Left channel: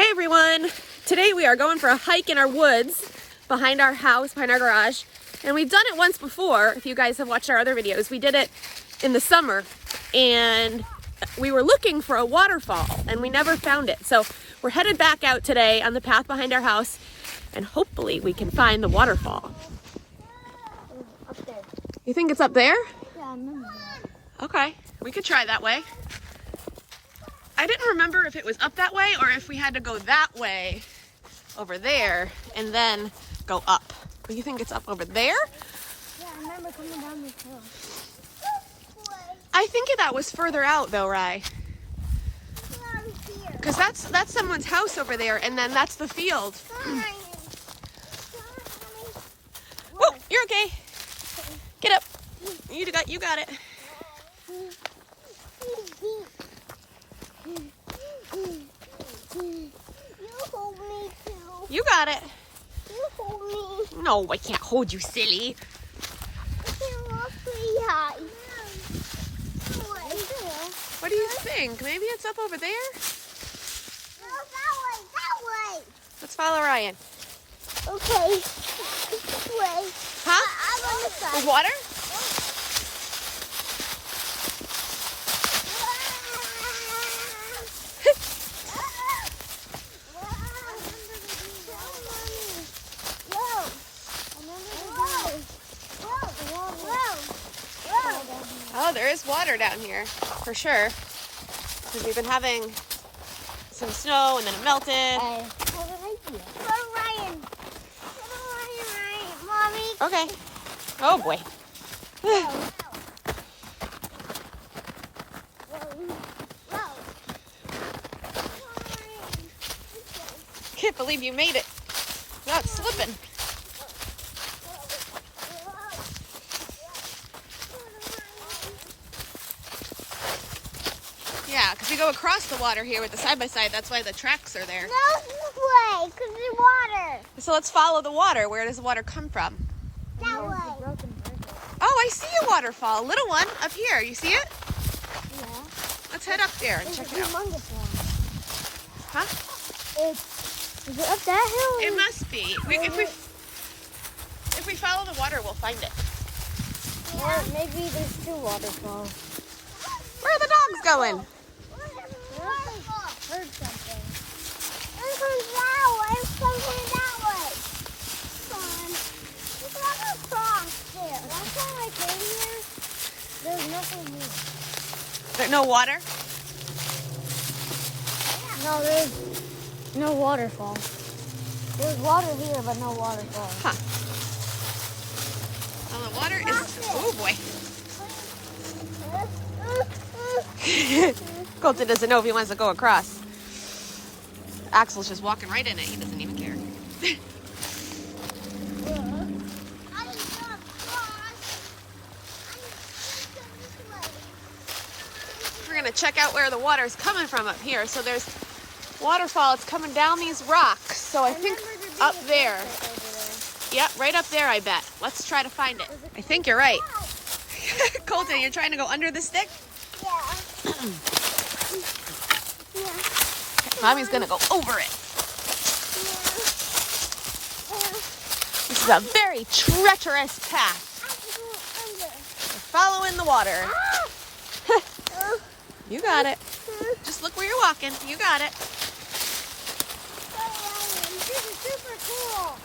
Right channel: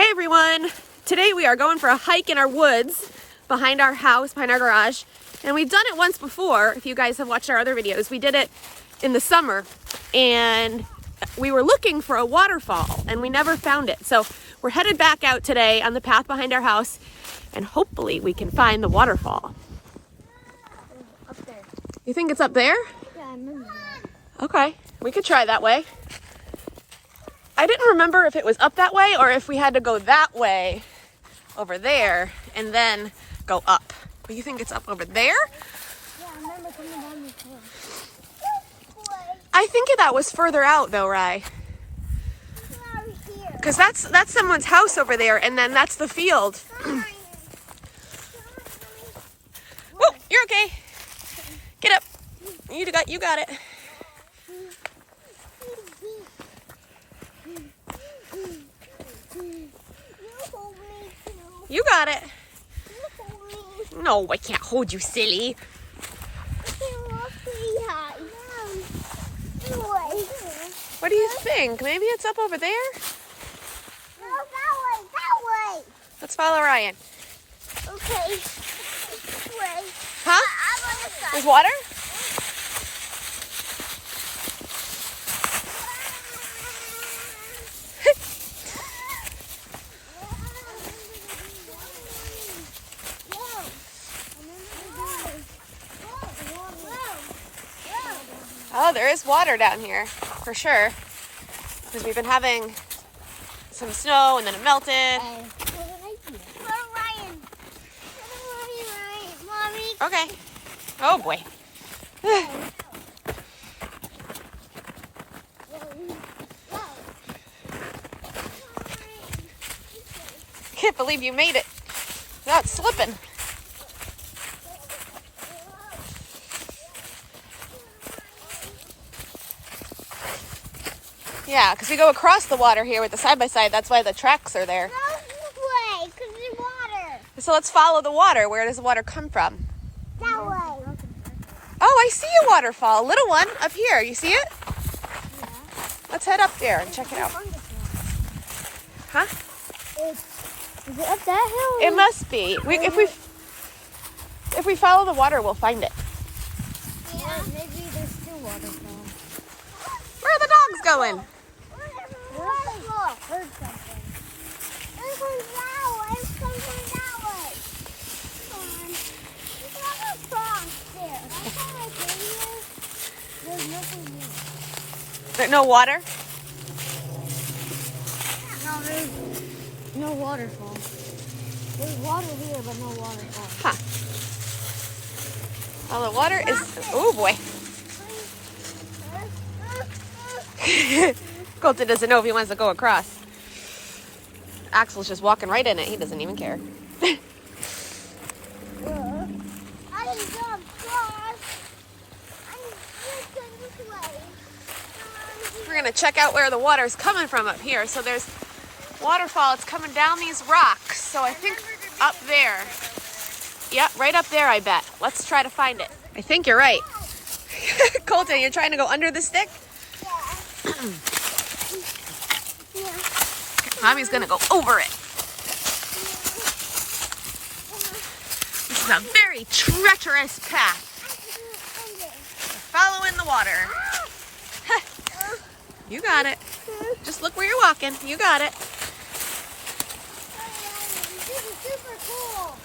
Hey everyone! Today we are going for a hike in our woods behind our house, behind our garage. And we've done it once before. If you guys have watched our other videos, we did it in the summer and we were looking for a waterfall and we never found it. So we're headed back out today on the path behind our house and hopefully we can find the waterfall. Up there. You think it's up there? Yeah, I remember that. Okay, we could try that way. I didn't remember if it was up that way or if we had to go that way over there and then go up. Do you think it's up over there? Yeah, I remember coming down this hill. I think that was further out though, Rye. Because that's someone's house over there and then that's the field. Oh, you're okay. Get up. You got it. You got it. You hold me. No, I can't hold you, silly. What do you think? Maybe it's up over there? No, that way. Let's follow Ryan. Okay. This way. Huh? I'm on this side. There's water? Oh, there is water down here, for sure. Because we've been having some snow and then it melted. Ryan. Mommy. Okay. Oh boy. Can't believe you made it without slipping. Yeah, because we go across the water here with the side-by-side. That's why the tracks are there. No, this way, because there's water. So let's follow the water. Where does the water come from? That way. Oh, I see a waterfall. A little one up here. You see it? Yeah. Let's head up there and check it out. Huh? Is it up that hill? It must be. If we follow the water, we'll find it. Yeah. Or maybe there's two waterfalls. Where are the dogs going? Heard something. It comes that way. It comes that way. Come on. There's a lot of frogs there. Last time I came here, there's nothing here. There no water? No, there's no waterfall. There's water here, but no waterfall. Huh. Well, the water is... Oh, boy. Colton doesn't know if he wants to go across. Axel's just walking right in it. He doesn't even care. We're going to check out where the water is coming from up here. So there's waterfall. It's coming down these rocks. So I think up there. Yep, right up there, I bet. Let's try to find it. I think you're right. Colton, you're trying to go under the stick? Yeah. Mommy's gonna go over it. This is a very treacherous path. We're following the water. You got it. Just look where you're walking. You got it. This is super cool.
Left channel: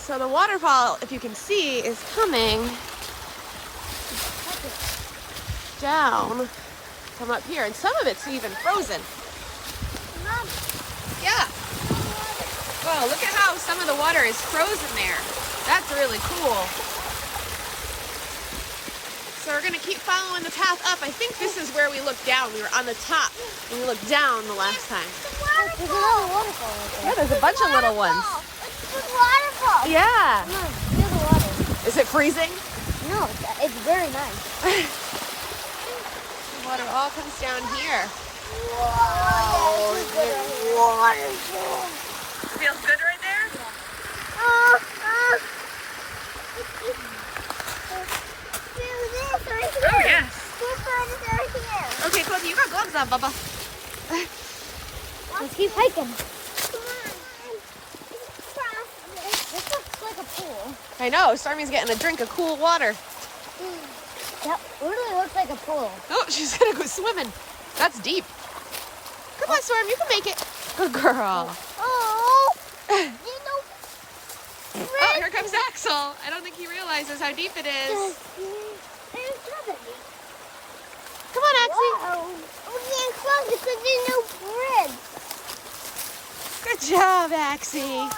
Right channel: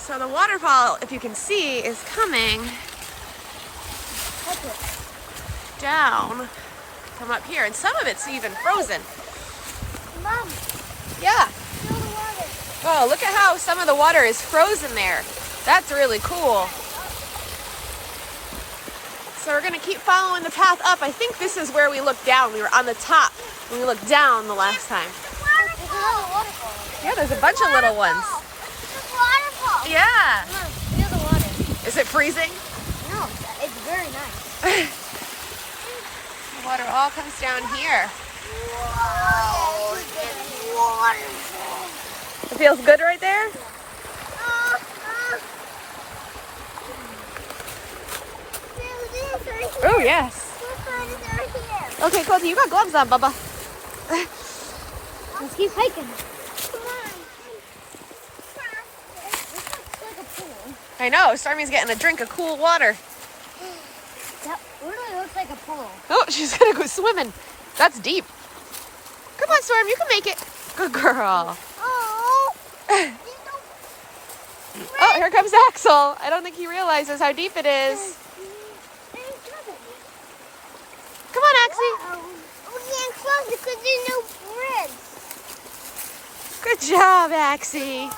So the waterfall, if you can see, is coming down from up here. And some of it's even frozen. Mom, Yeah. Oh, look at how some of the water is frozen there. That's really cool. So we're gonna keep following the path up. I think this is where we looked down. We were on the top when we looked down the last time. Yeah, there's a bunch of little ones. Waterfall. Yeah. No, there's a water. Is it freezing? No, it's very nice. The water all comes down here. Wow. Feels good right there? Oh, yes. Okay, Colty, you got gloves on, Bubba. Let's keep hiking. Come on. This looks like a pool. I know, Stormy's getting a drink of cool water. Yeah, what does it look like a pool? Oh, she's gonna go swimming. That's deep. Come on, Storm, you can make it. Good girl. Oh, here comes Axel. I don't think he realizes how deep it is. Come on, Axel. We can't close it because there's no ribs. Good job, Axie.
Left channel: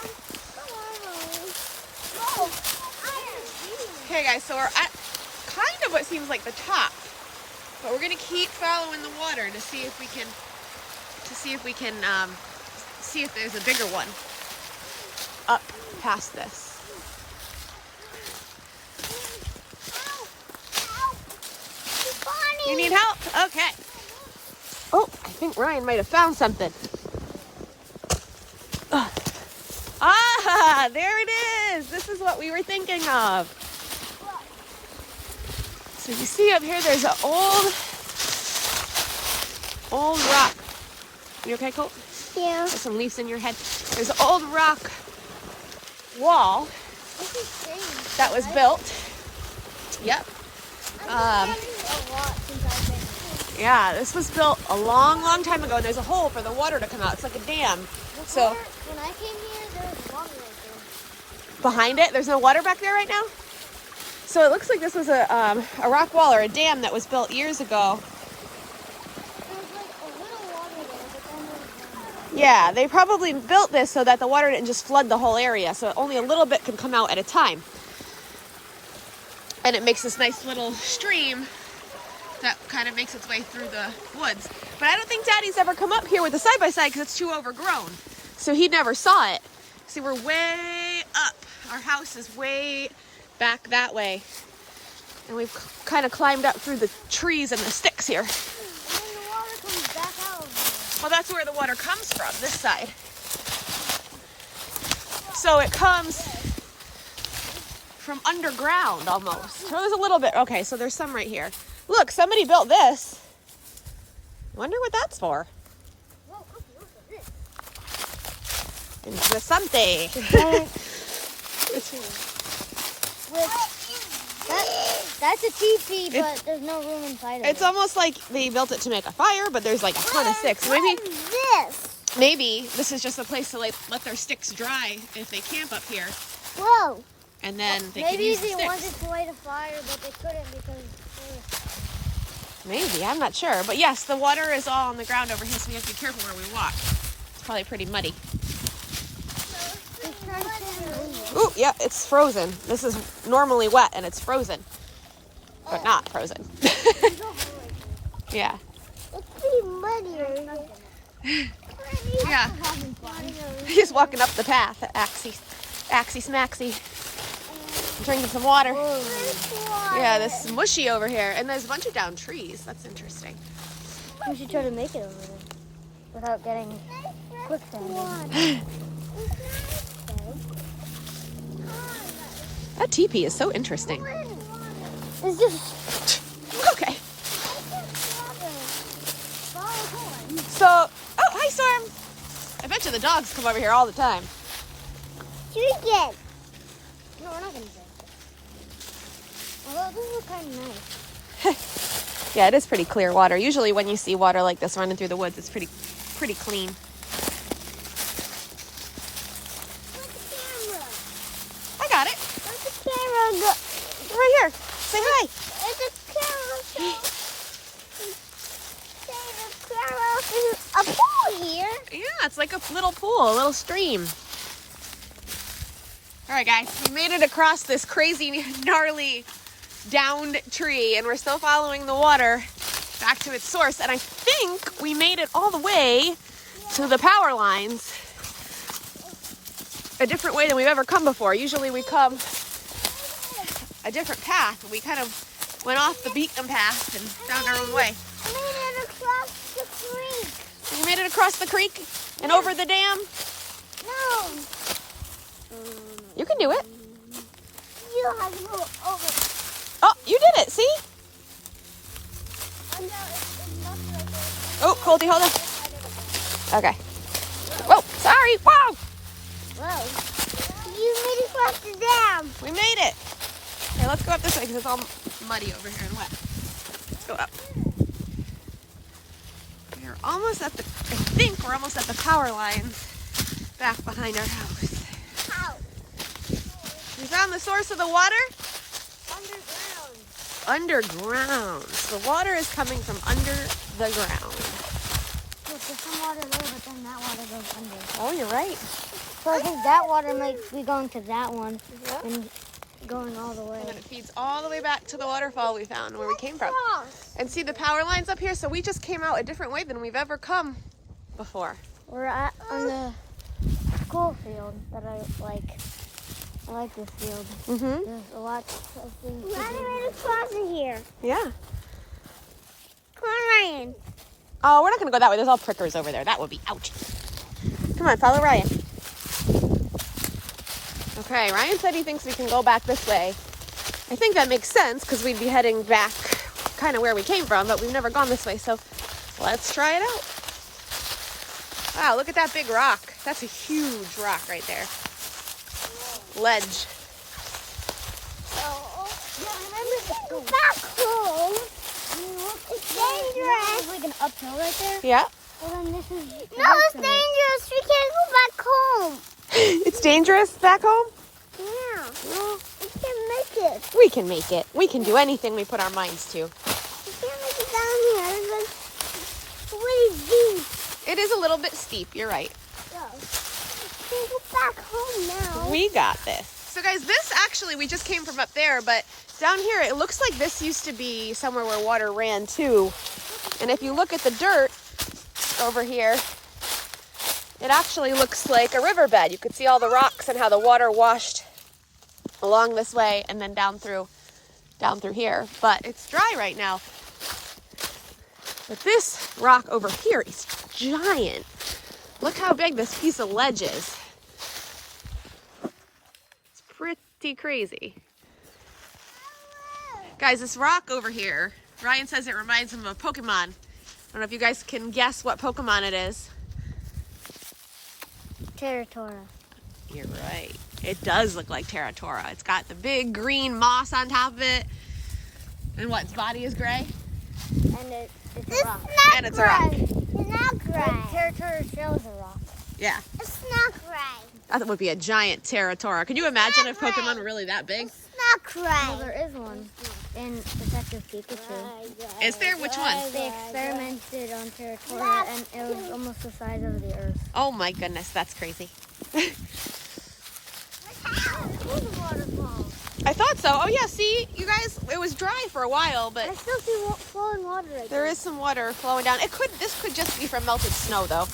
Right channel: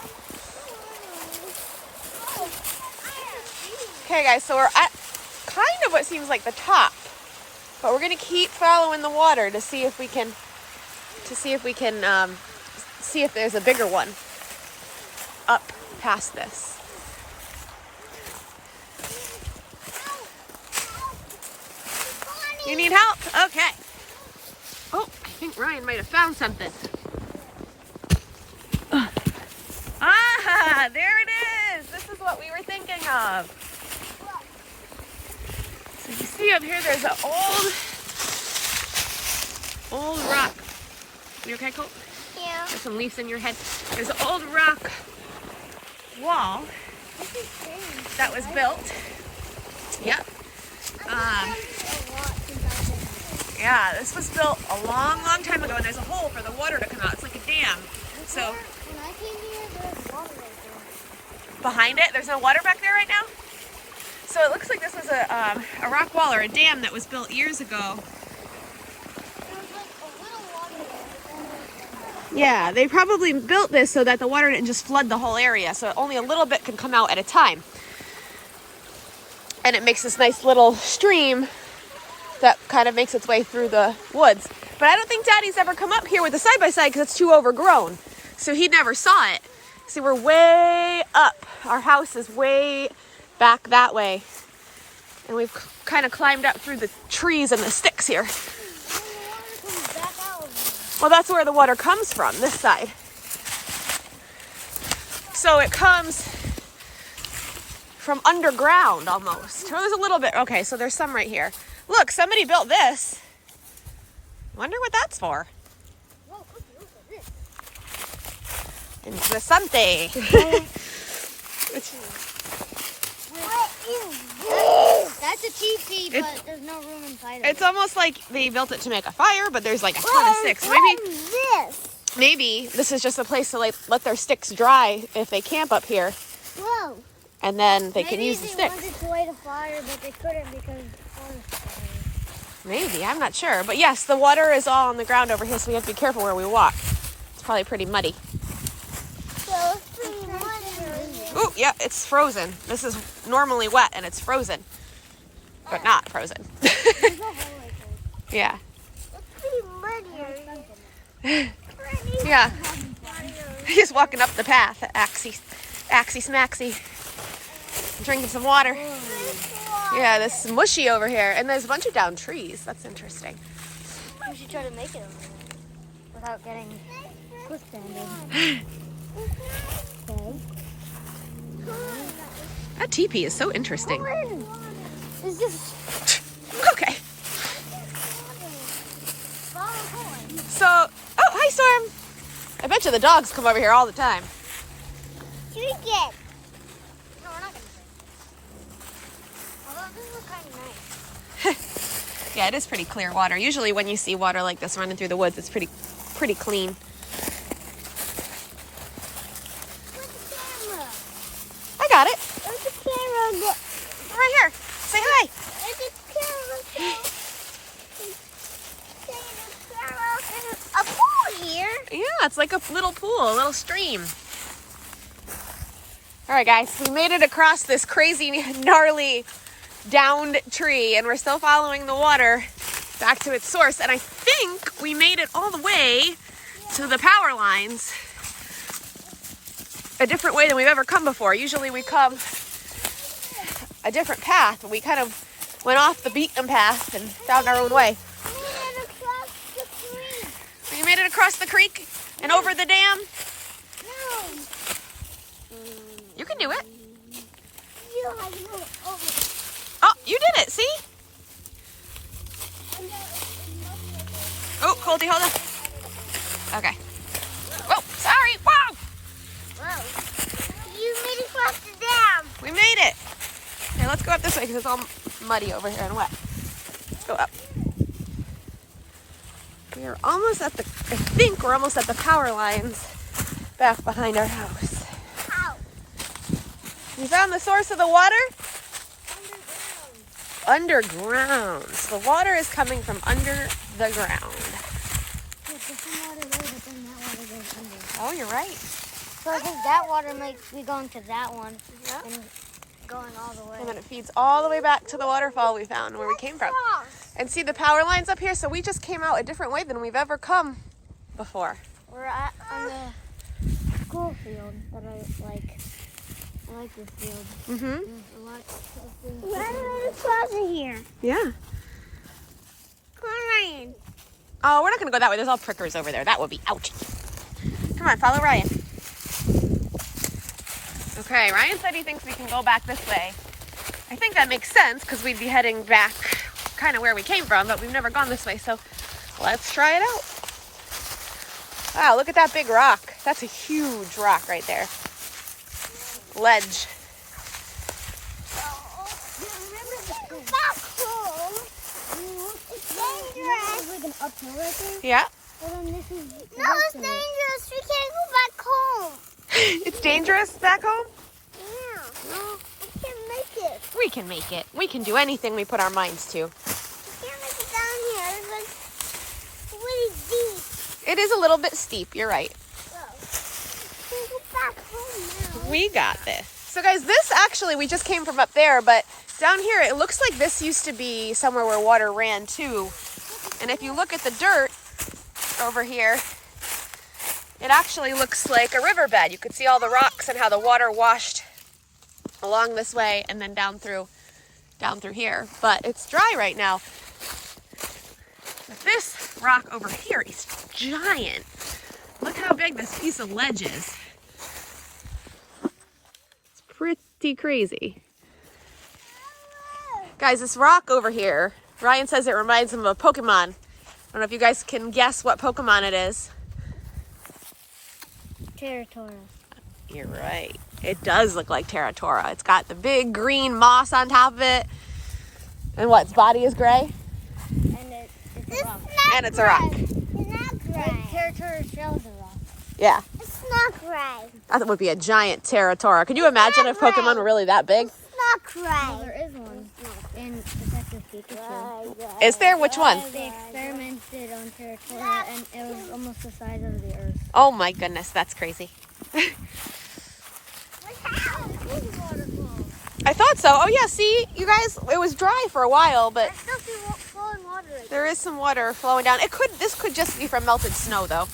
Okay, guys, so we're at kind of what seems like the top, but we're gonna keep following the water to see if we can, see if there's a bigger one up past this. You need help? Okay. Oh, I think Ryan might have found something. Ah, there it is. This is what we were thinking of. So you see up here, there's an old rock. You okay, Colt? Yeah. There's some leaves in your head. There's an old rock wall that was built. Yep. Yeah, this was built a long, long time ago, and there's a hole for the water to come out. It's like a dam. So when I came here, there was water right there. Behind it, there's no water back there right now. So it looks like this was a rock wall or a dam that was built years ago. Yeah, they probably built this so that the water didn't just flood the whole area, so only a little bit can come out at a time. And it makes this nice little stream that kind of makes its way through the woods. But I don't think Daddy's ever come up here with a side-by-side because it's too overgrown. So he never saw it. See, we're way up. Our house is way back that way. And we've kind of climbed up through the trees and the sticks here. And then the water comes back out of here. Well, that's where the water comes from, this side. So it comes from underground almost. So there's a little bit. Okay, so there's some right here. Look, somebody built this. Wonder what that's for. Whoa, look at this. Interesante. That's a teepee, but there's no room inside of it. It's almost like they built it to make a fire, but there's like a ton of sticks. Maybe this is just a place to like let their sticks dry if they camp up here, Whoa. and then they can use the Maybe they sticks. wanted to light a fire, but they couldn't because Maybe, I'm not sure. But yes, the water is all on the ground over here, so we have to be careful where we walk. It's probably pretty muddy. Ooh, yeah, it's frozen. This is normally wet and it's frozen, but not frozen. Yeah. It's pretty muddy. Yeah. He's walking up the path, Axie Smaxie. Drinking some water. Yeah, this is mushy over here. And there's a bunch of down trees. That's interesting. We should try to make it without getting quicksand. That teepee is so interesting. It's just... Okay. So, oh, hi, Storm. I bet you the dogs come over here all the time. Drink it. No, we're not going to. Although this is kind of nice. Yeah, it is pretty clear water. Usually when you see water like this running through the woods, it's pretty clean. I got it. There's a camera. Right here. Say hi. There's a camera. There's a pool here. Yeah, it's like a little pool, a little stream. All right, guys, we made it across this crazy, gnarly, downed tree, and we're still following the water back to its source. And I think we made it all the way to the power lines. A different way than we've ever come before. Usually we come a different path. We kind of went off the beaten path and found our own way. We made it across the creek. You made it across the creek and over the dam? No. You can do it. You have to go over. Oh, you did it. See? It's not like this. Oh, Colty, hold on. Okay. Whoa, sorry. Whoa. Whoa. You made it across the dam. We made it. Okay, let's go up this way because it's all muddy over here and wet. Let's go up. We are almost at I think we're almost at the power lines back behind our house. How? We found the source of the water? Underground. Underground. So the water is coming from under the ground. Look, there's some water there, but then that water goes under. Oh, you're right. So I think that water might be going to that one Yeah. and going all the way. And then it feeds all the way back to the waterfall we found where we came from. And see the power lines up here? So we just came out a different way than we've ever come before. We're at on the school field that I like. I like this field. Mm-hmm. There's a lot of things. Ryan, closer here. Yeah. Come on, Ryan. Oh, we're not going to go that way. There's all prickers over there. That would be ouch. Come on, follow Ryan. Okay, Ryan said he thinks we can go back this way. I think that makes sense because we'd be heading back kind of where we came from, but we've never gone this way, so let's try it out. Wow, look at that big rock. That's a huge rock right there. Ledge. Back home. It's dangerous. There's like an uphill right there. Yeah. Well, then this is. No, it's dangerous. We can't go back home. It's dangerous back home? Yeah. Well, we can make it. We can make it. We can do anything we put our minds to. We can't make it down here. It's really deep. It is a little bit steep, you're right. Oh. We can go back home now. We got this. So guys, this actually, we just came from up there, but down here, it looks like this used to be somewhere where water ran too. And if you look at the dirt over here, it actually looks like a riverbed. You could see all the rocks and how the water washed along this way and then down through here. But it's dry right now. But this rock over here is giant. Look how big this piece of ledge is. It's pretty crazy. Guys, this rock over here, Ryan says it reminds him of a Pokemon. I don't know if you guys can guess what Pokemon it is. Territora. You're right. It does look like Territora. It's got the big green moss on top of it. And what, its body is gray? And it's a rock. And it's a rock. It's not gray. Territora's shell is a rock. Yeah. It's not gray. That would be a giant Territora. Could you imagine if Pokemon were really that big? It's not gray. Well, there is one in Detective Pikachu. Is there? Which one? They experimented on Territora and it was almost the size of the Earth. Oh my goodness, that's crazy. I thought so. Oh yeah, see, you guys, it was dry for a while, but I still see flowing water right there is some water flowing down. This could just be from melted snow though.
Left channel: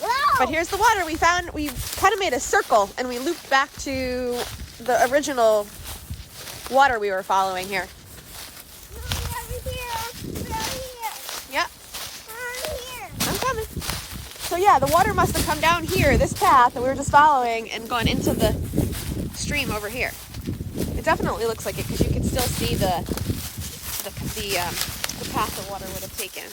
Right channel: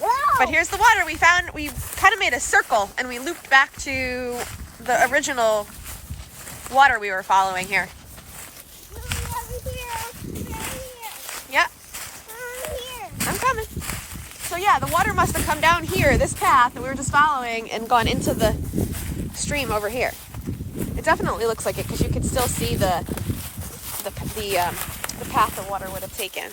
Whoa! But here's the water we found. We kind of made a circle and we looped back to the original water we were following here. Yeah. I'm coming. So yeah, the water must have come down here, this path that we were just following, and gone into the stream over here. It definitely looks like it because you can still see the path the water would have taken.